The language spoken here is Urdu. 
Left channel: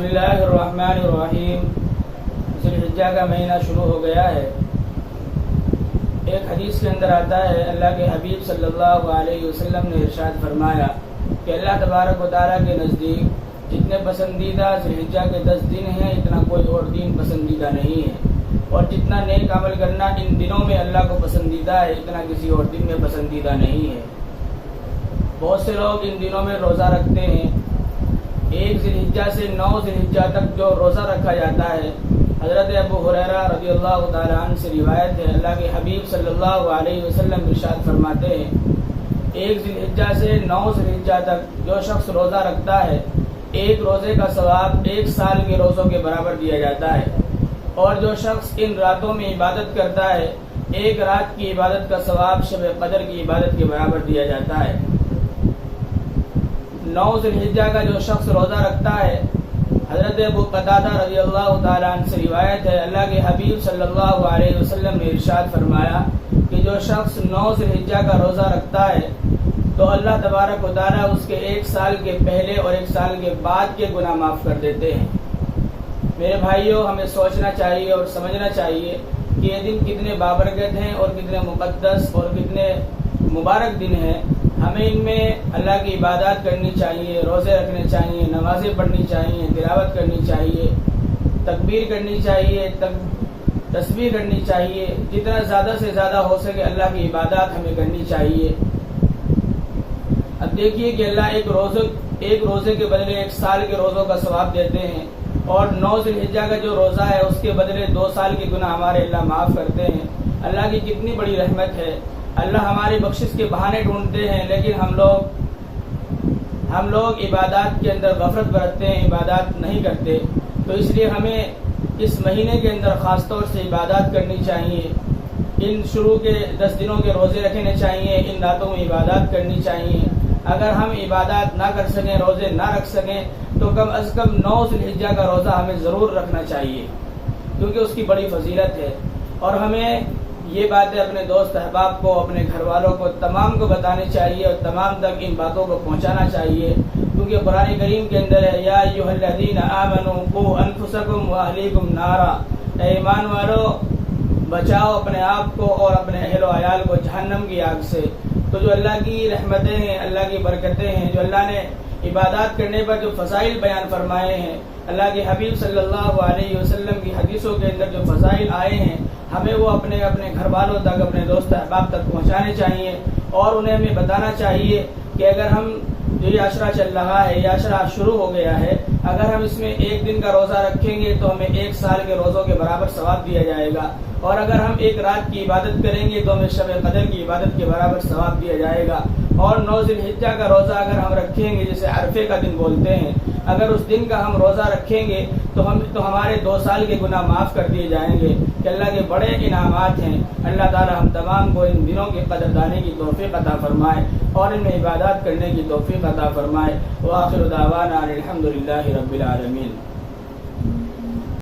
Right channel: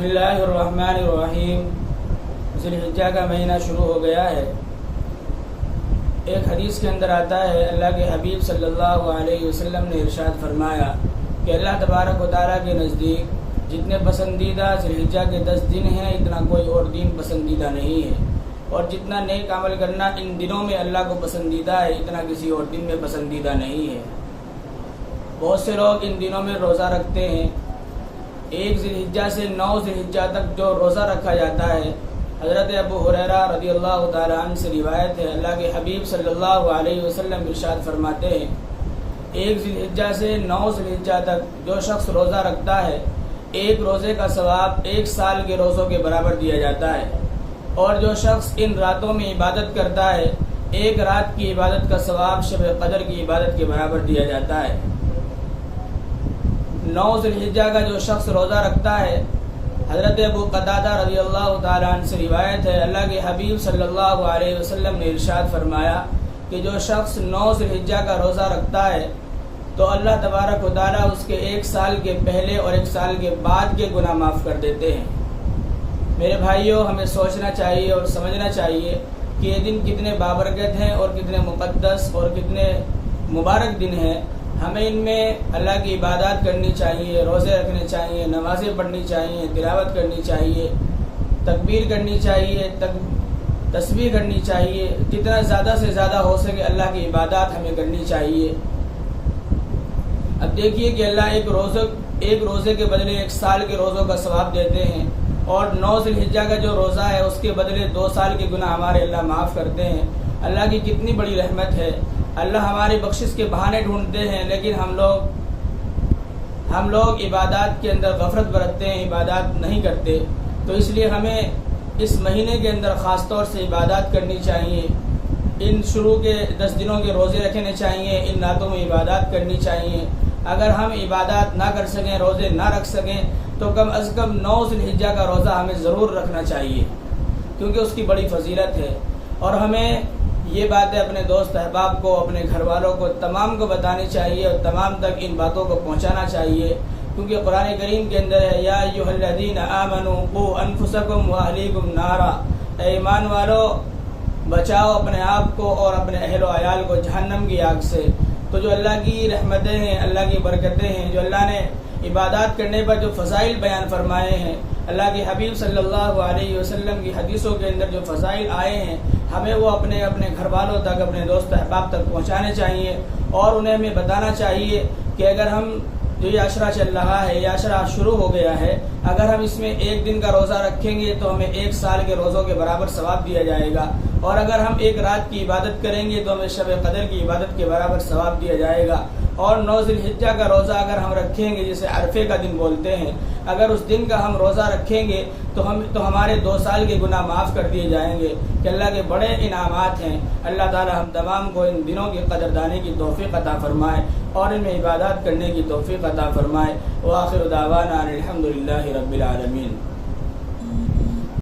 بسم اللہ الرحمن الرحیم۔ ذی الحجہ کا مہینہ شروع ہو گیا ہے۔ ایک حدیث کے اندر آتا ہے، اللہ کے حبیب صلی اللہ علیہ وسلم نے ارشاد فرمایا کہ اللہ تبارک و تعالیٰ کے نزدیک جتنے پسندیدہ ذی الحجہ کے 10 دن ہیں، اتنا کوئی اور دن پسندیدہ نہیں ہے، اور جتنا نیک عمل کرنا ان دنوں میں اللہ کو پسندیدہ ہے، اتنا کسی اور دن میں پسندیدہ نہیں ہے۔ بہت سے لوگ ان دنوں میں روزہ رکھتے ہیں۔ 1 ذی الحجہ سے 9 ذی الحجہ تک جو روزہ رکھا جاتا ہے، حضرت ابو ہریرہ رضی اللہ تعالیٰ عنہ سے روایت ہے، اللہ کے حبیب صلی اللہ علیہ وسلم ارشاد فرماتے ہیں 1 ذی الحجہ سے 9 ذی الحجہ تک جو شخص روزہ رکھتا ہے، ایک روزے کا ثواب 1 سال کے روزوں کے برابر دیا جاتا ہے، اور جو شخص ان راتوں میں عبادت کرتا ہے، ایک رات کی عبادت کا ثواب شب قدر کی عبادت کے برابر دیا جاتا ہے۔ 9 ذی الحجہ کا جو شخص روزہ رکھتا ہے، حضرت ابو قتادہ رضی اللہ تعالیٰ عنہ سے روایت ہے، اللہ کے حبیب صلی اللہ علیہ وسلم نے ارشاد فرمایا کہ جو شخص 9 ذی الحجہ کا روزہ رکھتا ہے تو اللہ تبارک و تعالیٰ اس کے 1 سال کے پہلے اور 1 سال کے بعد کے گناہ معاف کر دیتے ہیں۔ میرے بھائیوں، ہمیں سوچنا چاہیے اور سمجھنا چاہیے کہ یہ دن کتنے بابرکت ہیں اور کتنے مقدس اور کتنے مبارک دن ہیں۔ ہمیں ان میں اللہ کی عبادات کرنی چاہیے، روزے رکھنے چاہیے، نمازیں پڑھنی چاہیے، تلاوت کرنی چاہیے، تکبیر کرنی چاہیے، تسبیح کرنی چاہیے۔ جتنا زیادہ سے زیادہ ہو سکے اللہ کی عبادات ہمیں کرنی چاہیے۔ اب دیکھیے کہ اللہ ایک روزے کے بدلے 1 سال کے روزوں کا ثواب دیتے ہیں، اور 9 ذی الحجہ کا جو روزہ ہے اس کے بدلے 2 سال کے گناہ ہمارے اللہ معاف کرتے ہیں۔ اللہ کی کتنی بڑی رحمت ہے۔ اللہ ہماری بخشش کے بہانے ڈھونڈتے ہیں، لیکن ہم لوگ عبادات کے اندر غفلت برتتے ہیں، عبادات نہیں کرتے۔ تو اس لیے ہمیں اس مہینے کے اندر خاص طور سے عبادات کرنی چاہیے۔ ان شروع کے 10 دنوں کے روزے رکھنے چاہیے، ان راتوں میں عبادات کرنی چاہیے۔ اگر ہم عبادات نہ کر سکیں، روزے نہ رکھ سکیں، تو کم از کم 9 ذی الحجہ کا روزہ ہمیں ضرور رکھنا چاہیے، کیونکہ اس کی بڑی فضیلت ہے۔ اور ہمیں یہ باتیں اپنے دوست احباب کو، اپنے گھر والوں کو، تمام کو بتانی چاہیے، اور تمام تک ان باتوں کو پہنچانا چاہیے، کیونکہ قرآن کریم کے اندر ہے، یا ایھا الذین آمنوا قوا انفسکم واہلیکم نارا، اے ایمان والو بچاؤ اپنے آپ کو اور اپنے اہل و عیال کو جہنم کی آگ سے۔ تو جو اللہ کی رحمتیں ہیں، اللہ کی برکتیں ہیں، جو اللہ نے عبادات کرنے پر جو فضائل بیان فرمائے ہیں، اللہ کے حبیب صلی اللہ علیہ وسلم کی حدیثوں کے اندر جو فضائل آئے ہیں، ہمیں وہ اپنے گھر والوں تک، اپنے دوست احباب تک پہنچانے چاہیے، اور انہیں ہمیں بتانا چاہیے کہ اگر ہم جو یہ عشرہ چل رہا ہے، یہ عشرہ شروع ہو گیا ہے، اگر ہم اس میں 1 دن کا روزہ رکھیں گے تو ہمیں 1 سال کے روزوں کے برابر ثواب دیا جائے گا، اور اگر ہم 1 رات کی عبادت کریں گے تو ہمیں شب قدر کی عبادت کے برابر ثواب دیا جائے گا۔ اور 9 ذی الحجہ کا روزہ اگر ہم رکھیں گے، جسے عرفے کا دن بولتے ہیں، اگر اس دن کا ہم روزہ رکھیں گے تو ہمارے 2 سال کے گناہ معاف کر دیے جائیں گے، کہ اللہ کے بڑے انعامات ہیں۔ اللہ تعالی ہم تمام کو ان دنوں کی قدردانی کی توفیق عطا فرمائے، اور ان میں عبادات کرنے کی توفیق عطا فرمائے۔ وآخر دعوانا الحمد للہ رب العالمین۔